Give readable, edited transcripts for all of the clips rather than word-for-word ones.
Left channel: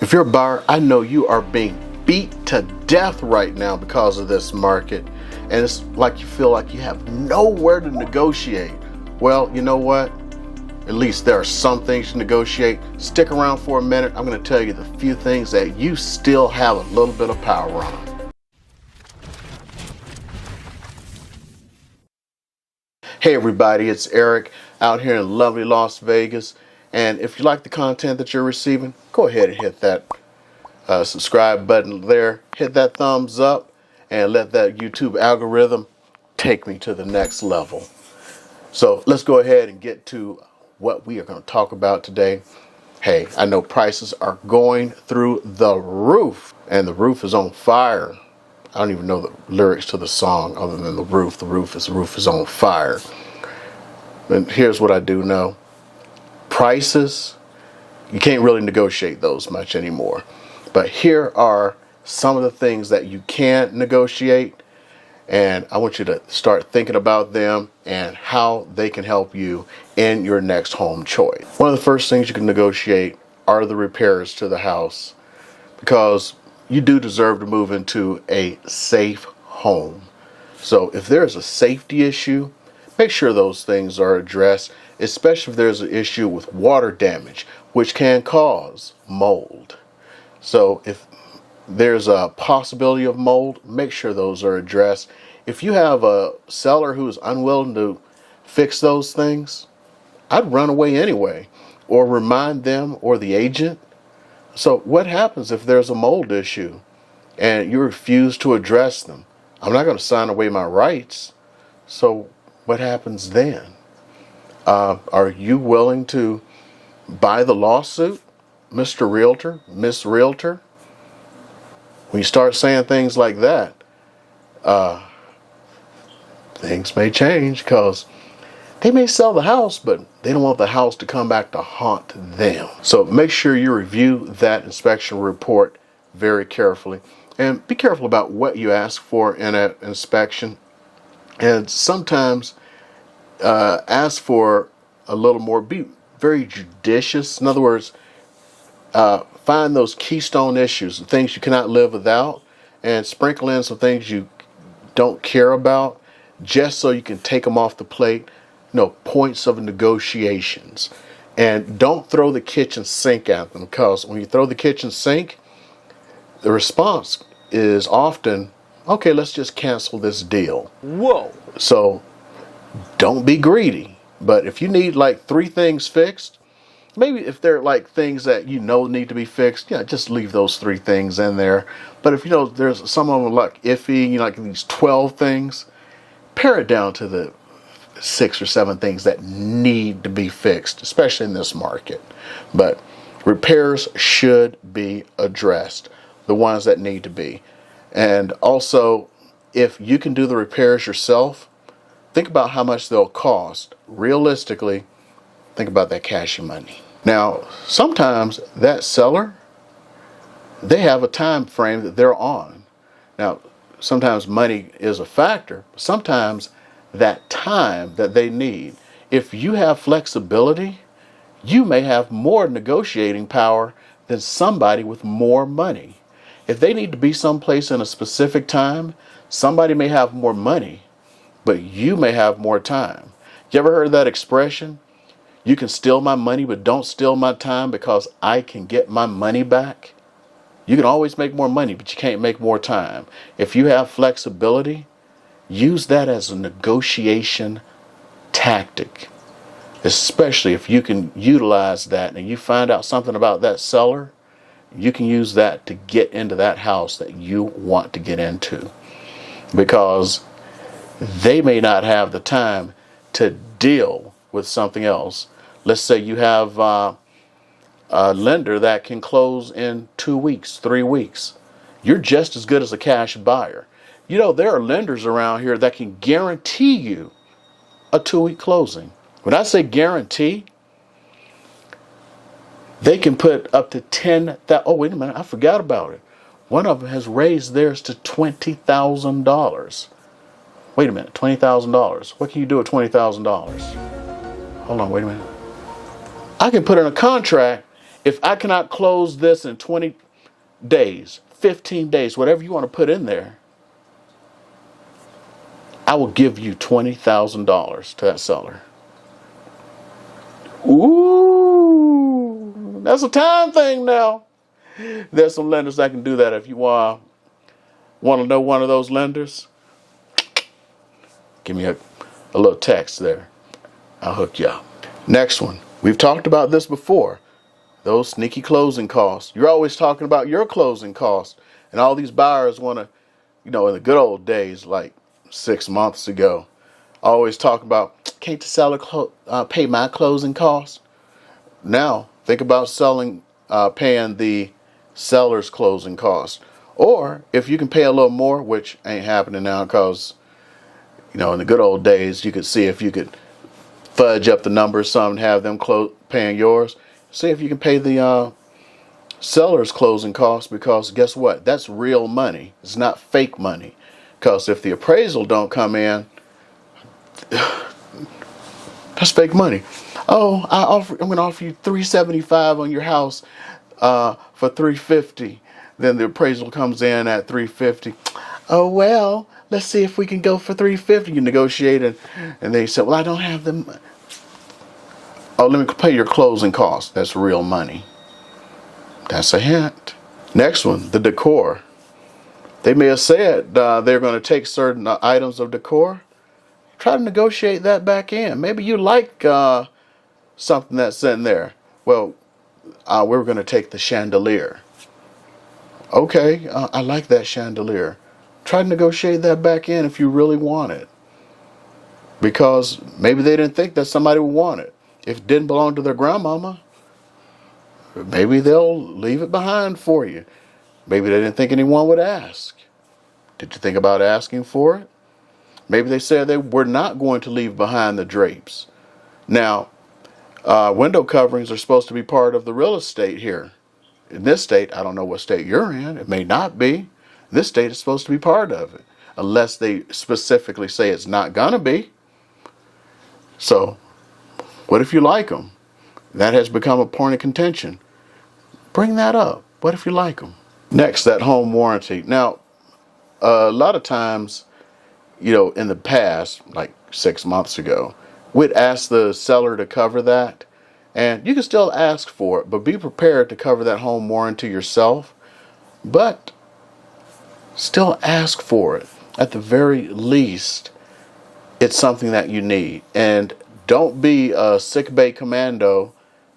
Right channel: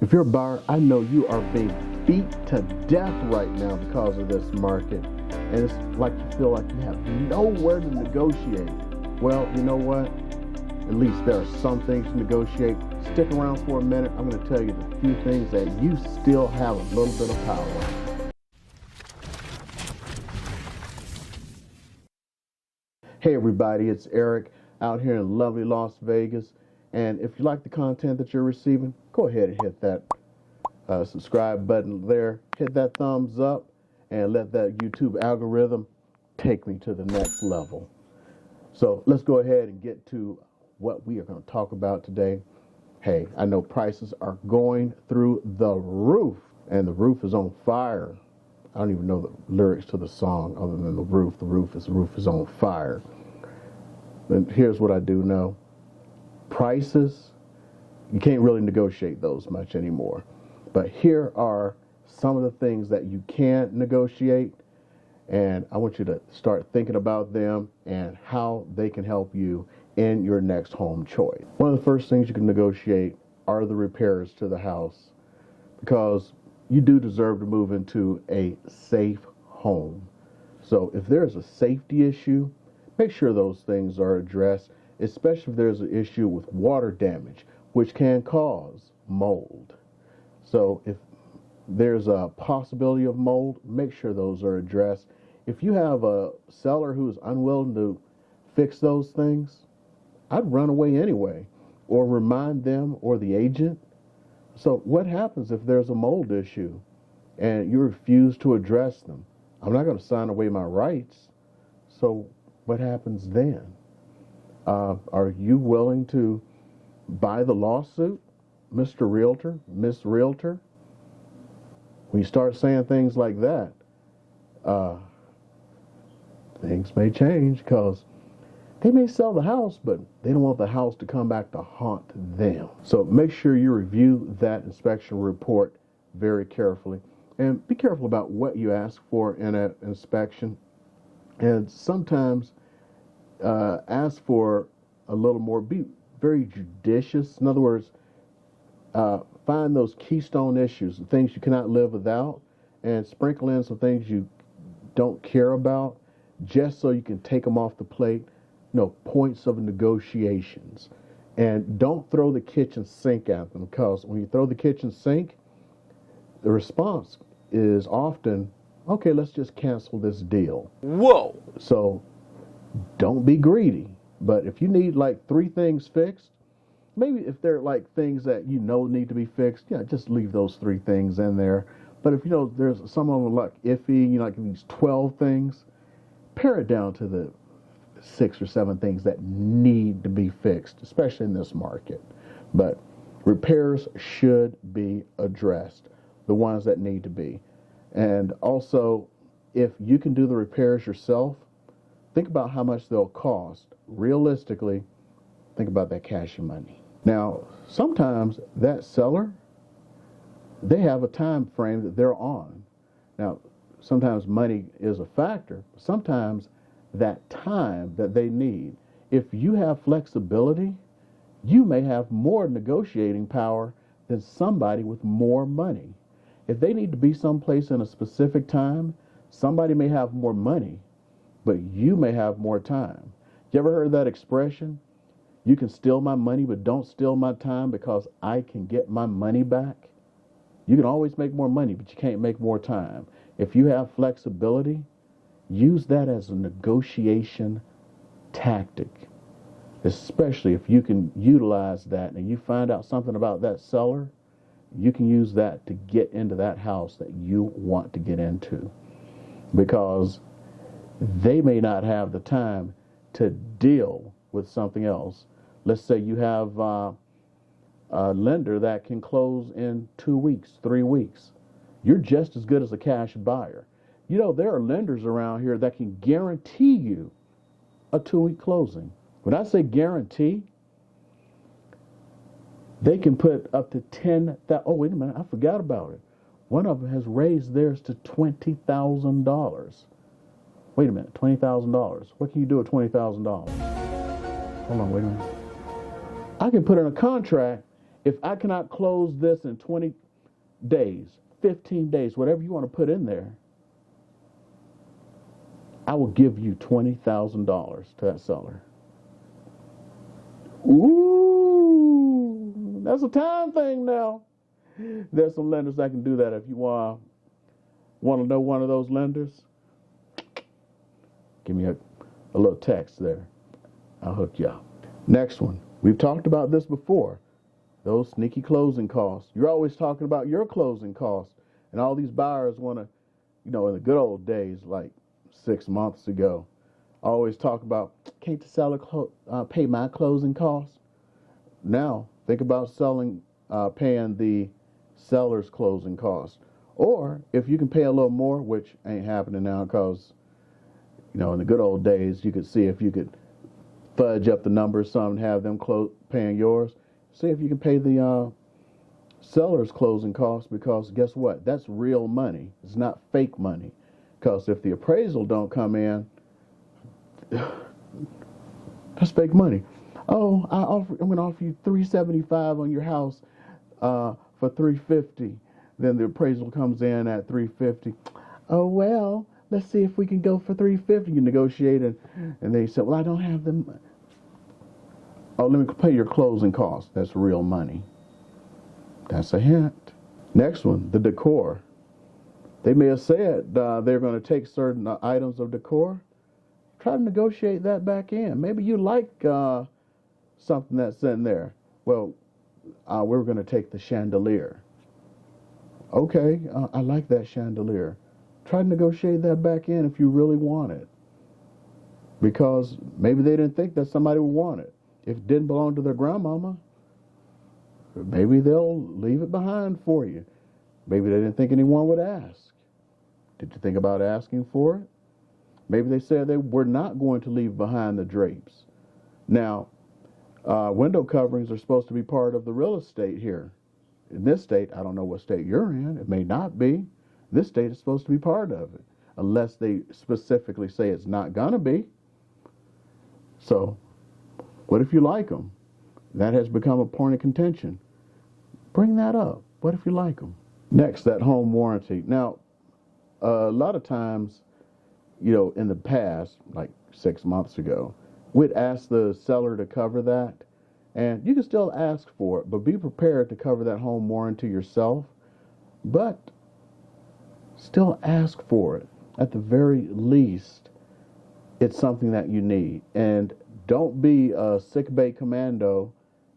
If you're a buyer, I know you are being beat to death right now because of this market, and it's like you feel like you have nowhere to negotiate. Well, you know what? At least there are some things to negotiate. Stick around for a minute. I'm going to tell you the few things that you still have a little bit of power on. Hey everybody, it's Eric out here in lovely Las Vegas. And if you like the content that you're receiving, go ahead and hit that subscribe button there. Hit that thumbs up and let that YouTube algorithm take me to the next level. So let's go ahead and get to what we are going to talk about today. Hey, I know prices are going through the roof, and the roof is on fire. I don't even know the lyrics to the song other than the roof. The roof is on fire. And here's what I do know. Prices, you can't really negotiate those much anymore. But here are some of the things that you can negotiate, and I want you to start thinking about them and how they can help you in your next home choice. One of the first things you can negotiate are the repairs to the house, because you do deserve to move into a safe home. So if there's a safety issue, make sure those things are addressed, especially if there's an issue with water damage, which can cause mold. So if there's a possibility of mold, make sure those are addressed. If you have a seller who is unwilling to fix those things, I'd run away anyway, or remind them or the agent. So what happens if there's a mold issue and you refuse to address them? I'm not going to sign away my rights. So what happens then? Are you willing to buy the lawsuit, Mr. Realtor, Miss Realtor? When you start saying things like that, things may change, because they may sell the house, but they don't want the house to come back to haunt them. So make sure you review that inspection report very carefully, and be careful about what you ask for in an inspection. And sometimes ask for a little more, be very judicious. In other words, find those keystone issues, the things you cannot live without, and sprinkle in some things you don't care about, just so you can take them off the plate. Points of negotiations. And don't throw the kitchen sink at them, because when you throw the kitchen sink, the response is often, okay, let's just cancel this deal. Whoa. So don't be greedy. But if you need like 3 things fixed, maybe if they're like things that need to be fixed, just leave those 3 things in there. But if there's some of them like iffy, like these 12 things, pare it down to the 6 or 7 things that need to be fixed, especially in this market. But repairs should be addressed, the ones that need to be. And also, if you can do the repairs yourself, think about how much they'll cost. Realistically, think about that cash money. Now, sometimes that seller, they have a time frame that they're on. Now, sometimes money is a factor. Sometimes that time that they need, if you have flexibility, you may have more negotiating power than somebody with more money. If they need to be someplace in a specific time, somebody may have more money, but you may have more time. You ever heard that expression? You can steal my money, but don't steal my time, because I can get my money back. You can always make more money, but you can't make more time. If you have flexibility, use that as a negotiation tactic, especially if you can utilize that and you find out something about that seller. You can use that to get into that house that you want to get into, because they may not have the time to deal with something else. Let's say you have a lender that can close in 2 weeks, 3 weeks. You're just as good as a cash buyer. There are lenders around here that can guarantee you a 2-week closing. When I say guarantee, they can put up to 10,000. Oh, wait a minute, I forgot about it. One of them has raised theirs to $20,000. Wait a minute, $20,000. What can you do with $20,000? Hold on, wait a minute. I can put in a contract If I cannot close this in 20 days, 15 days, whatever you want to put in there, I will give you $20,000 to that seller. Ooh, that's a time thing now. There's some lenders that can do that. If you want to know one of those lenders, give me a little text there. I'll hook you up. Next one. We've talked about this before. Those sneaky closing costs. You're always talking about your closing costs. And all these buyers want to, in the good old days, like 6 months ago, always talk about, can't the seller pay my closing costs? Now, think about paying the seller's closing costs. Or if you can pay a little more, which ain't happening now because, in the good old days, you could see if you could fudge up the numbers some and have them paying yours. See if you can pay the seller's closing costs, because guess what? That's real money. It's not fake money. Because if the appraisal don't come in, that's fake money. Oh, I'm going to offer you $375 on your house for $350. Then the appraisal comes in at $350. Oh, well, let's see if we can go for $350. You negotiate, and they said, well, I don't have them. Oh, let me pay your closing costs. That's real money. That's a hint. Next one, the decor. They may have said they're going to take certain items of decor. Try to negotiate that back in. Maybe you like something that's in there. Well, we're going to take the chandelier. Okay, I like that chandelier. Try to negotiate that back in if you really want it. Because maybe they didn't think that somebody would want it. If it didn't belong to their grandmama, maybe they'll leave it behind for you. Maybe they didn't think anyone would ask. Did you think about asking for it? Maybe they said they were not going to leave behind the drapes. Now, window coverings are supposed to be part of the real estate here. In this state, I don't know what state you're in. It may not be. This state is supposed to be part of it, unless they specifically say it's not going to be. So, what if you like them? That has become a point of contention. Bring that up. What if you like them? Next, that home warranty. Now, a lot of times, in the past, like 6 months ago, we'd ask the seller to cover that. And you can still ask for it, but be prepared to cover that home warranty yourself. But still ask for it. At the very least, it's something that you need. And don't be a sick bay commando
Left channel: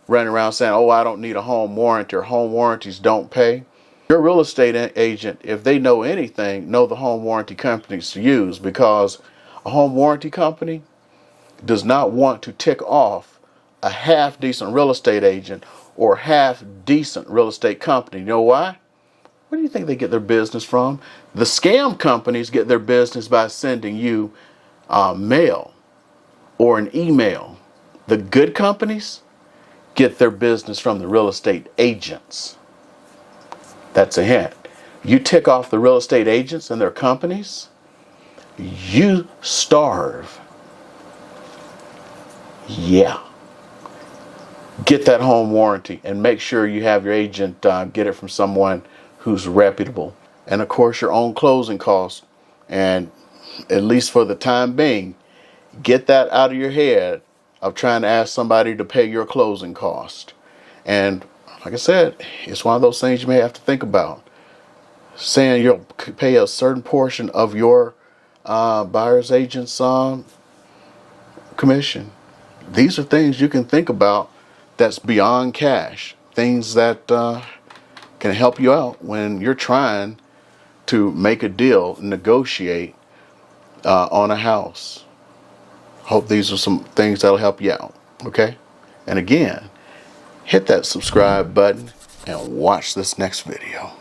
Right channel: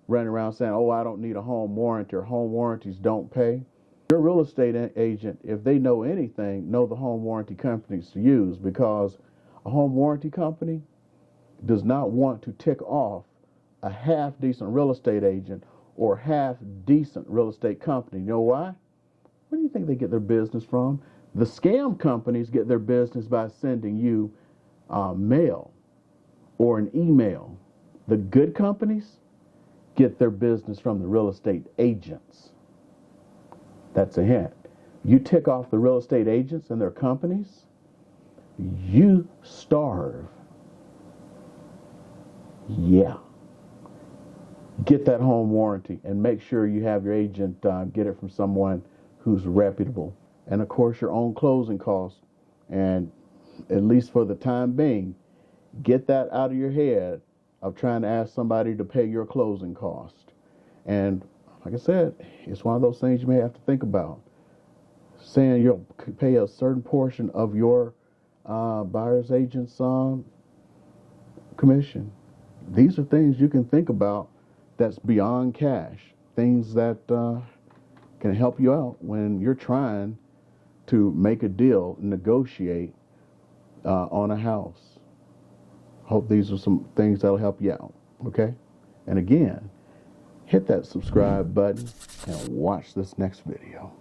running around saying, oh, I don't need a home warranty, or home warranties don't pay. Your real estate agent, if they know anything, know the home warranty companies to use, because a home warranty company does not want to tick off a half-decent real estate agent or half-decent real estate company. You know why? Where do you think they get their business from? The scam companies get their business by sending you mail or an email. The good companies get their business from the real estate agents. That's a hint. You tick off the real estate agents and their companies, you starve. Yeah. Get that home warranty and make sure you have your agent get it from someone who's reputable. And of course, your own closing costs. And at least for the time being, get that out of your head of trying to ask somebody to pay your closing cost. And like I said, it's one of those things you may have to think about. Saying you'll pay a certain portion of your buyer's agent's commission. These are things you can think about that's beyond cash. Things that can help you out when you're trying to make a deal, negotiate on a house. Hope these are some things that'll help you out. Okay? And again, hit that subscribe button and watch this next video.